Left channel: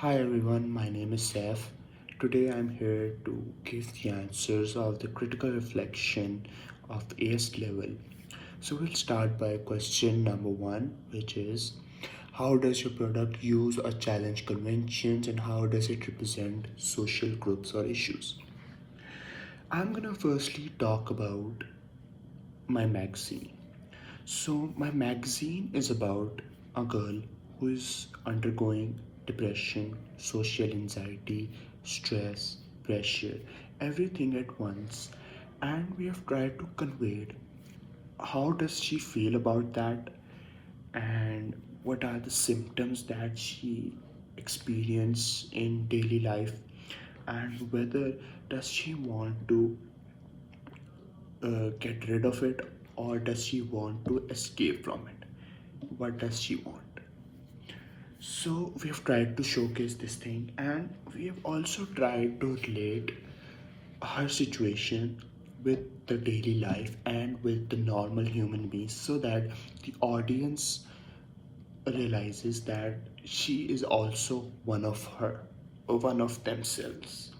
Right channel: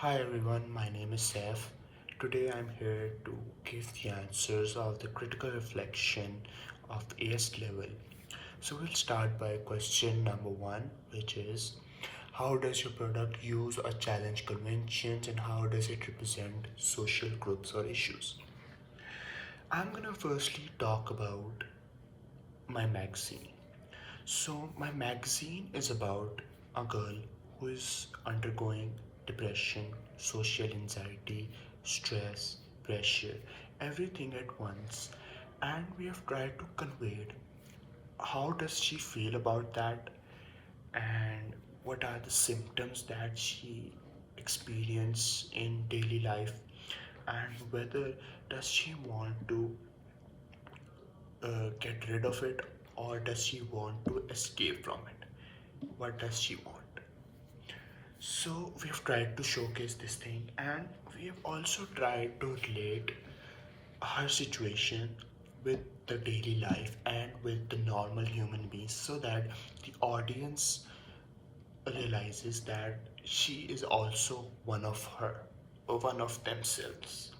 Hi everyone, my name is Seth. Today I'm here to give the answers of the critical reflection of ACE level. So we'll start by question number one, which is how does your product use or challenge conventions and how does it represent social groups or issues? I'm gonna firstly talk about my magazine. So, my magazine is about a girl who is undergoing depression, social anxiety, stress, pressure, everything at once. And we have tried to convey it. How does she feel about that? And what are the symptoms that she experience in daily life? And whether does she want to get rid of it or does she want to escape from it? What does she want? So we have tried to showcase this thing and we have also tried to relate her situation with the daily life and with the normal human beings so that the audience realizes that she is also one of her or one of themselves,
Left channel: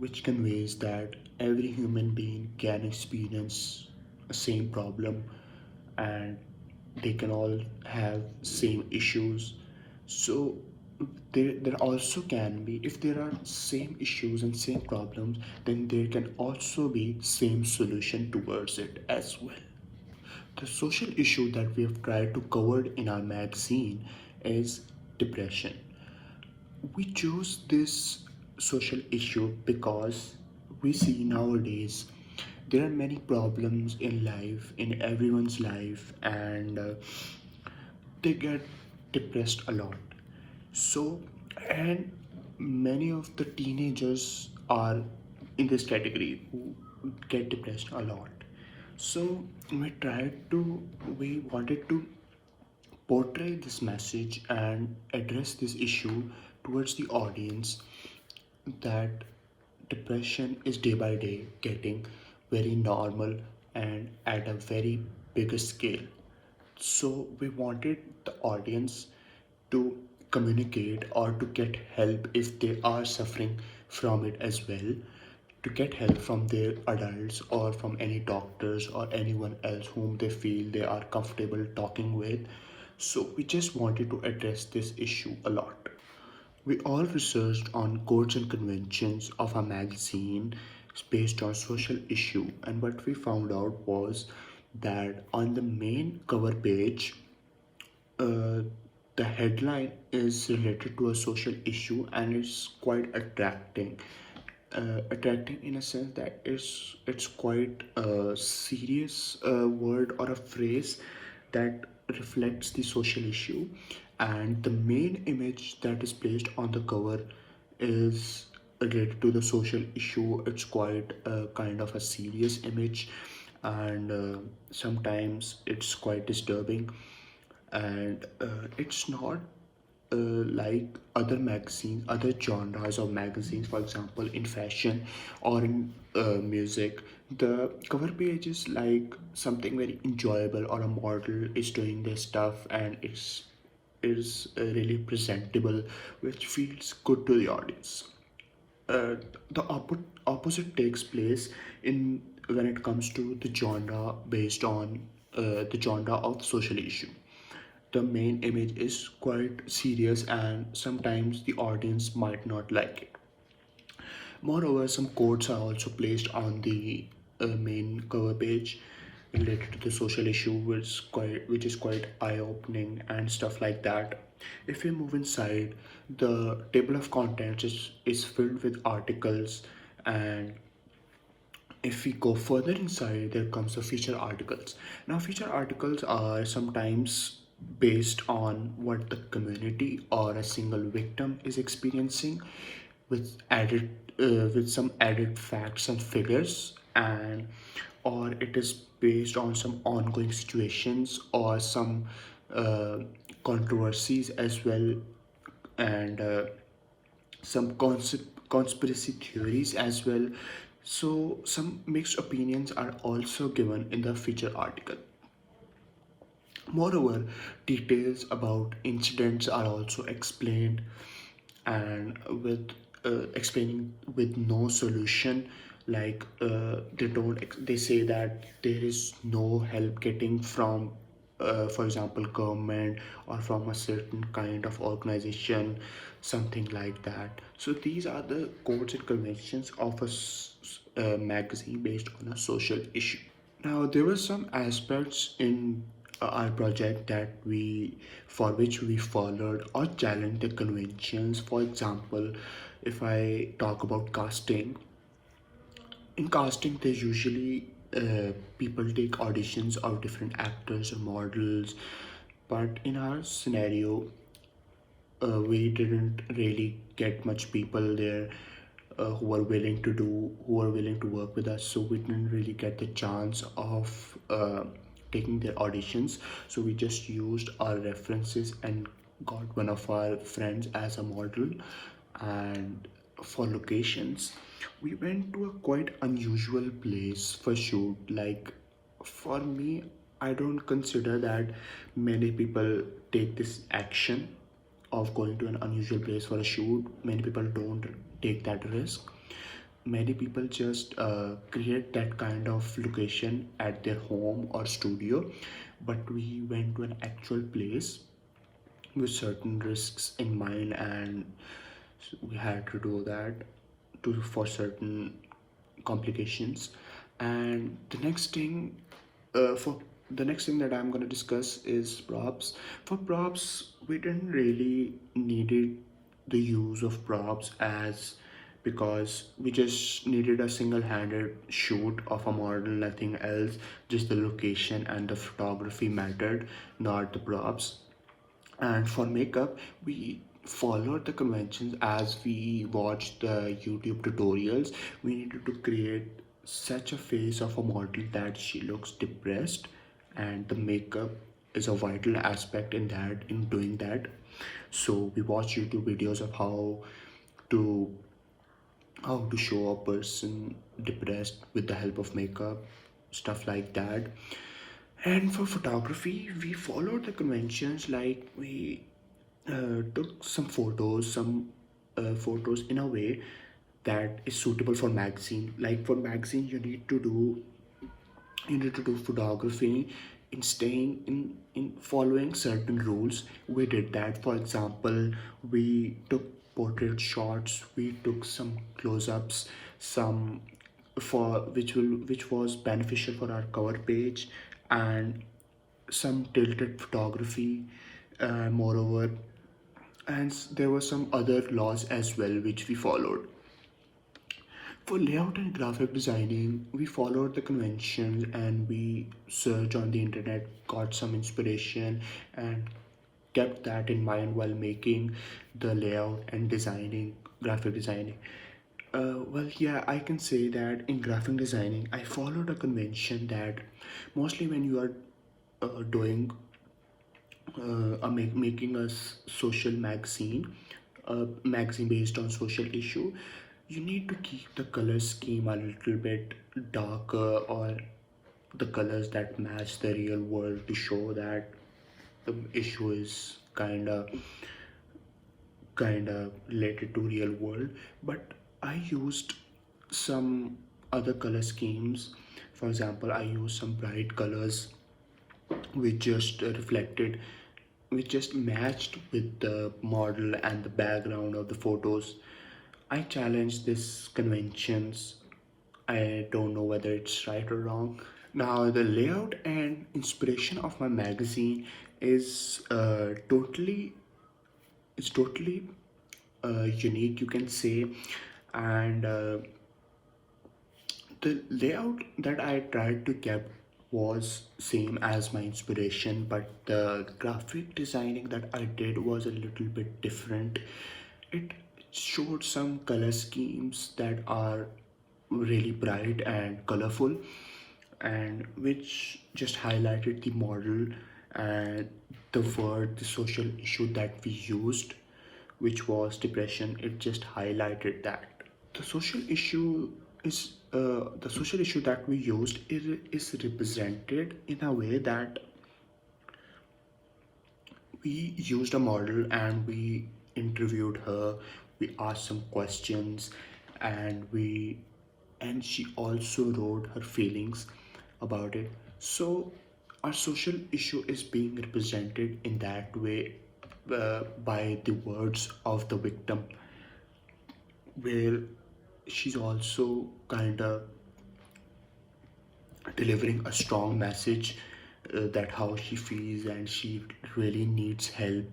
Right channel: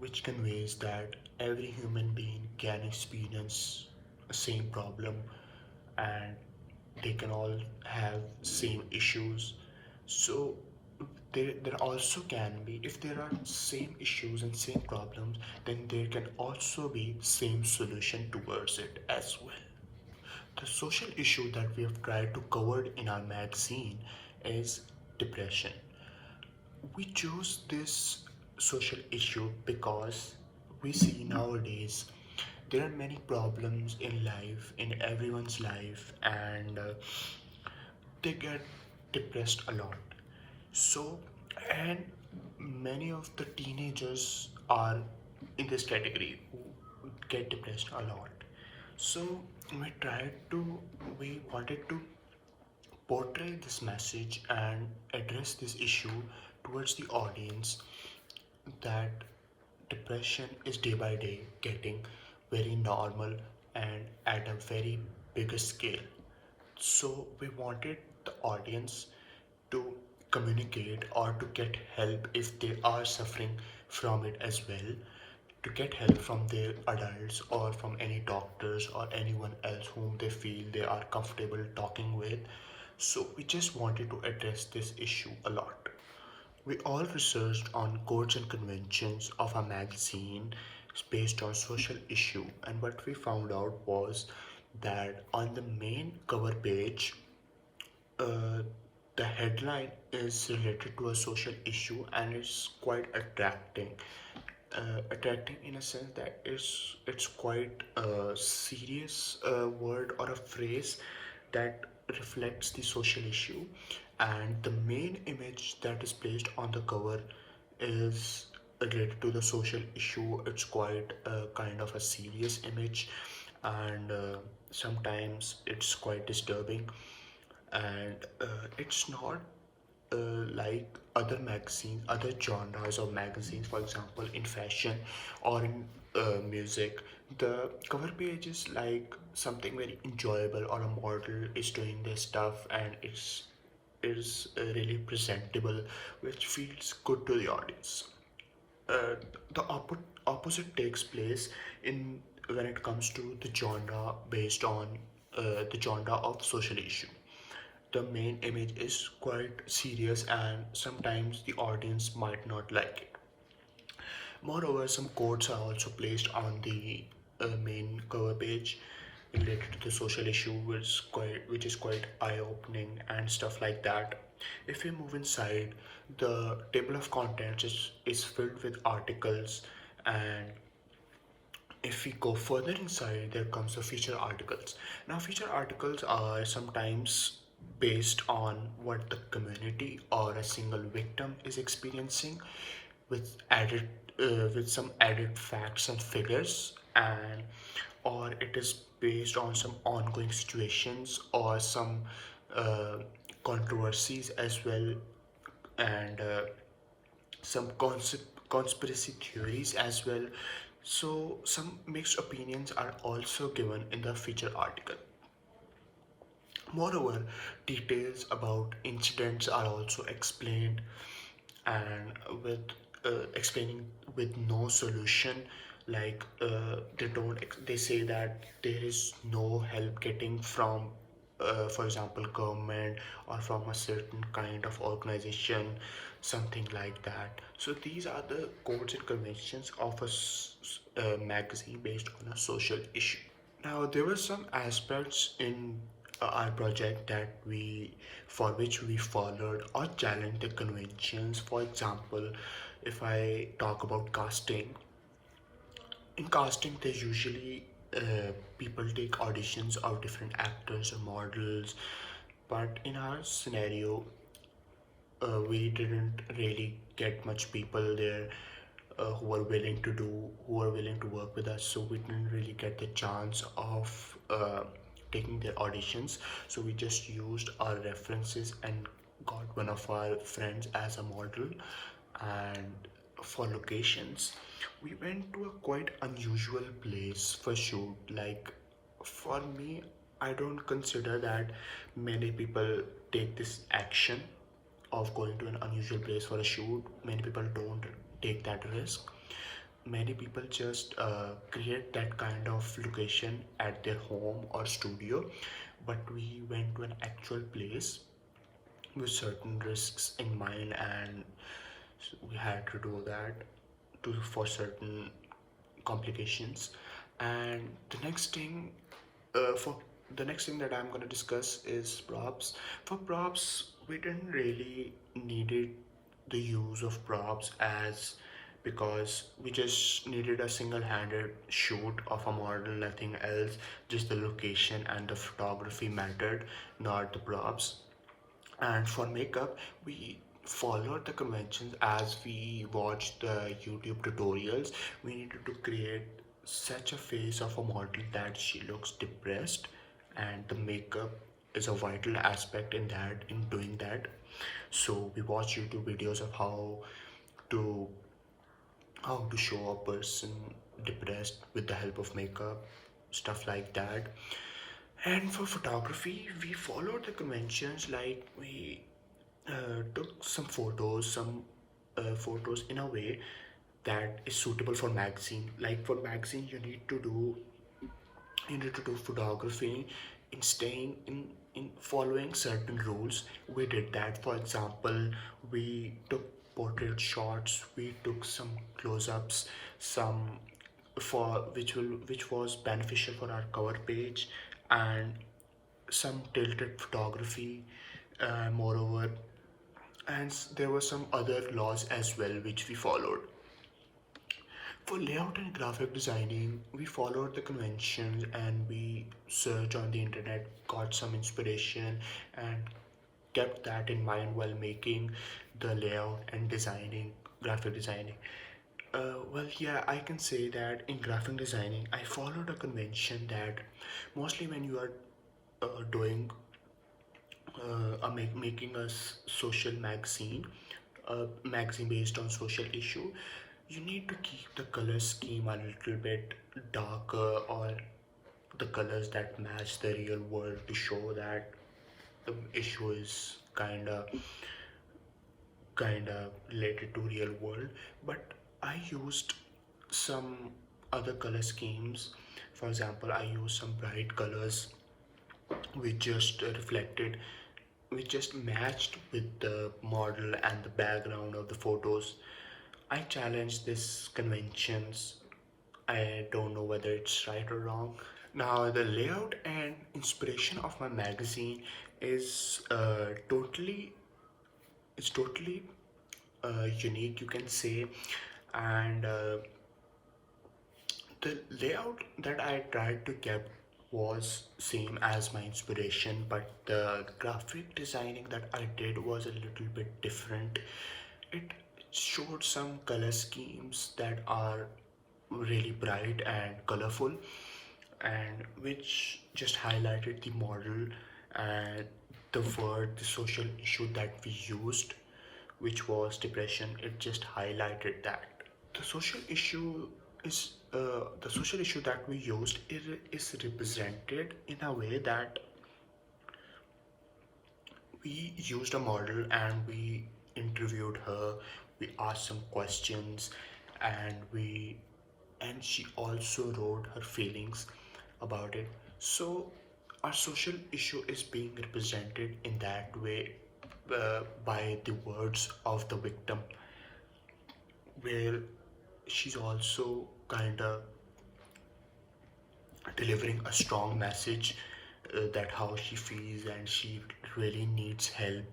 which conveys that every human being can experience the same problem and they can all have same issues. So there also can be, if there are same issues and same problems, then there can also be same solution towards it as well. The social issue that we have tried to cover in our magazine is depression. We chose this social issue because we see nowadays there are many problems in life, in everyone's life, and they get depressed a lot. So, and many of the teenagers are in this category who get depressed a lot. So, we wanted to portray this message and address this issue towards the audience that depression is day by day getting very normal and at a very bigger scale. So we wanted the audience to communicate or to get help if they are suffering from it as well, to get help from their adults or from any doctors or anyone else whom they feel they are comfortable talking with. So we just wanted to address this issue a lot. We all researched on codes and conventions of a magazine based on social issue, and what we found out was that on the main cover page, uh, the headline is related to a social issue and it's quite attracting. Attracting in a sense that it's quite a serious word or a phrase that reflects the social issue, and the main image that is placed on the cover is related to the social issue. It's quite a kind of a serious image, and sometimes it's quite disturbing, and it's not like other magazines, other genres of magazines, for example, in fashion or in music. The cover page is like something very enjoyable, or a model is doing their stuff and it's is really presentable, which feels good to the audience. uh, the opposite takes place in when it comes to the genre based on the genre of social issue. The main image is quite serious and sometimes the audience might not like it. Moreover, some quotes are also placed on the main cover page related to the social issue, which is quite eye-opening and stuff like that. If we move inside, the table of contents is filled with articles, and if we go further inside, there comes the feature articles. Now, feature articles are sometimes based on what the community or a single victim is experiencing, with added with some added facts and figures, and or it is based on some ongoing situations or some uh, controversies as well, and some conspiracy theories as well. So some mixed opinions are also given in the feature article. Moreover, details about incidents are also explained, and with explaining with no solution, like they say that there is no help getting from for example government or from a certain kind of organization, something like that. So these are the codes and conventions of a magazine based on a social issue. Now, there were some aspects in our project that for which we followed or challenged the conventions. For example, if I talk about casting, in casting, there's usually people take auditions of different actors or models, but in our scenario, we didn't really get much people there who were willing to work with us, so we didn't really get the chance of taking their auditions. So we just used our references and got one of our friends as a model. And for locations, we went to a quite unusual place for shoot. Like, for me, I don't consider that many people take this action of going to an unusual place for a shoot. Many people don't take that risk. Many people just create that kind of location at their home or studio, but we went to an actual place with certain risks in mind, and we had to do that for certain complications. And the next thing that I'm going to discuss is props. For props, we didn't really needed the use of props, as because we just needed a single-handed shoot of a model, nothing else. Just the location and the photography mattered, not the props. And for makeup, we followed the conventions as we watched the YouTube tutorials. We needed to create such a face of a model that she looks depressed, and the makeup is a vital aspect in doing that. So we watched YouTube videos of to how to show a person depressed with the help of makeup, stuff like that. And for photography, we followed the conventions, like we took some photos in a way that is suitable for magazine. Like for magazine, you need to do photography in staying in following certain rules. We did that. For example, we took portrait shots, we took some close-ups, some for which was beneficial for our cover page, and some tilted photography, moreover. And there were some other laws as well which we followed. For layout and graphic designing, we followed the conventions and we searched on the internet, got some inspiration, and kept that in mind while making the layout and graphic designing. Well, yeah, I can say that in graphic designing, I followed a convention that mostly when you are doing making a social magazine, a magazine based on social issue, you need to keep the color scheme a little bit darker, or the colors that match the real world, to show that the issue is kinda related to real world. But I used some other color schemes. For example, I used some bright colors which just reflected, which just matched with the model and the background of the photos. I challenge these conventions. I don't know whether it's right or wrong. Now, the layout and inspiration of my magazine is totally unique, you can say. And the layout that I tried to keep was same as my inspiration, but the graphic designing that I did was a little bit different. It showed some color schemes that are really bright and colorful, and which just highlighted the model and the social issue that we used, which was depression. It just highlighted that. The social issue the social issue that we used is represented in a way that we used a model and we interviewed her, we asked some questions, and she also wrote her feelings about it. So our social issue is being represented in that way, by the words of the victim, where she's also kind of delivering a strong message, that how she feels and she really needs help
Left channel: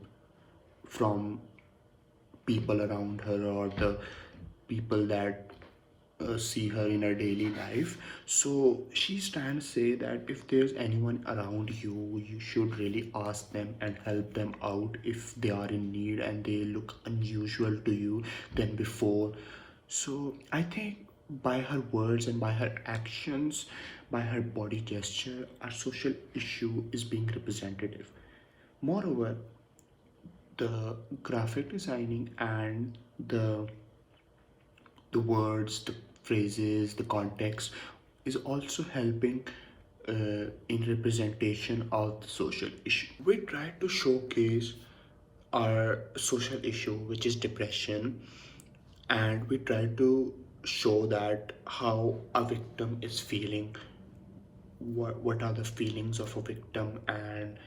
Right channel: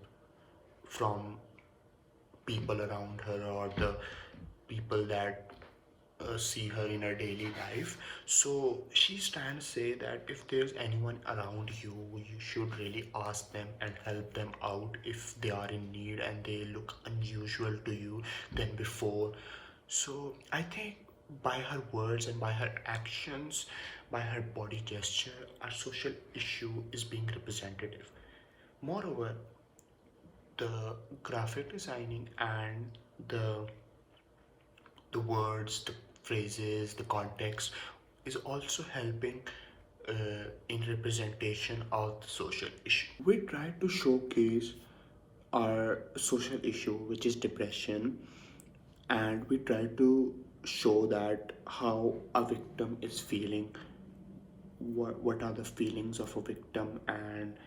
from people around her, or the people that see her in her daily life. So she's trying to say that if there's anyone around you, you should really ask them and help them out if they are in need and they look unusual to you than before. So I think by her words and by her actions, by her body gesture, our social issue is being representative. Moreover, the graphic designing and the words, the phrases, the context is also helping in representation of the social issue. We try to showcase our social issue, which is depression, and we try to show that how a victim is feeling, what are the feelings of a victim, and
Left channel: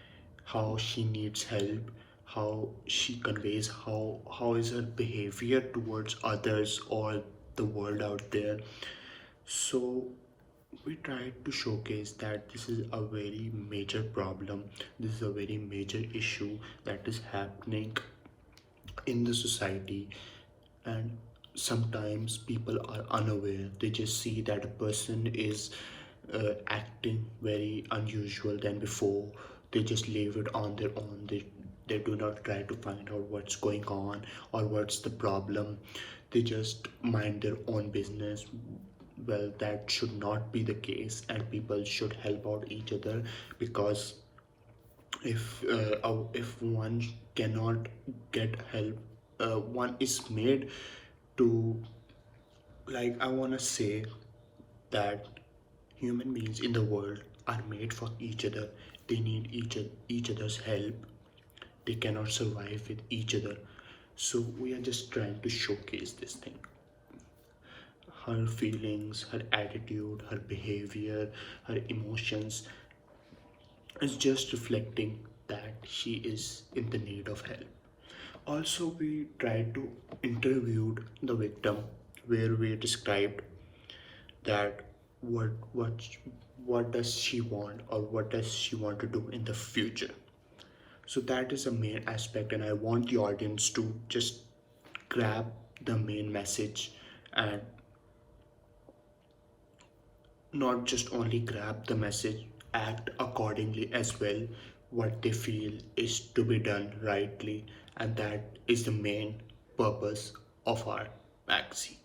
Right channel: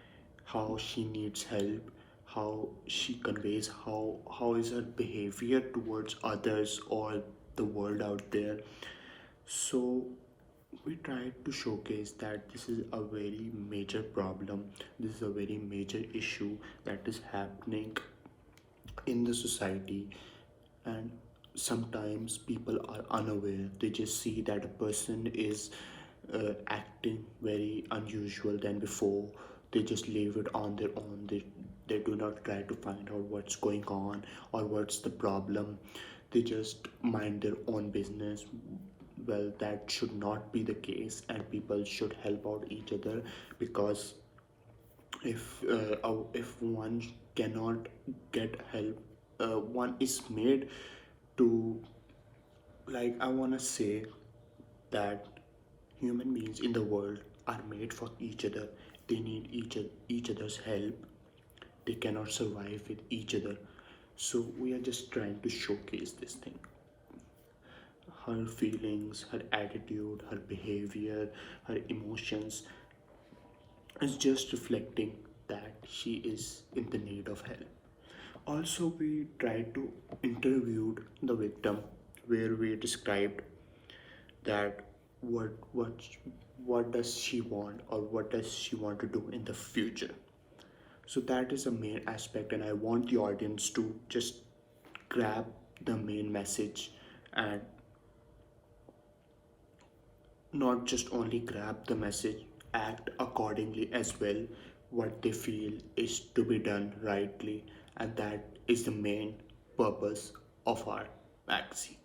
how she needs help, how she conveys, how is her behavior towards others or the world out there. So we try to showcase that this is a very major problem, this is a very major issue that is happening in the society. And sometimes people are unaware, they just see that a person is acting very unusual than before, they just leave it on their own, they do not try to find out what's going on or what's the problem, they just mind their own business. Well, that should not be the case, and people should help out each other, because if one cannot get help, one is made to, like, I want to say that human beings in the world are made for each other, they need each other's help, they cannot survive with each other. So we are just trying to showcase this thing, her feelings, her attitude, her behavior, her emotions is just reflecting that she is in the need of help. Also, we tried to interview the victim, where we described that what what what does she want, or what does she want to do in the future. So that is a main aspect, and I want the audience to just grab the main message, and not just only grab the message, act accordingly as well, what they feel is to be done rightly, and that is the main purpose of our magazine.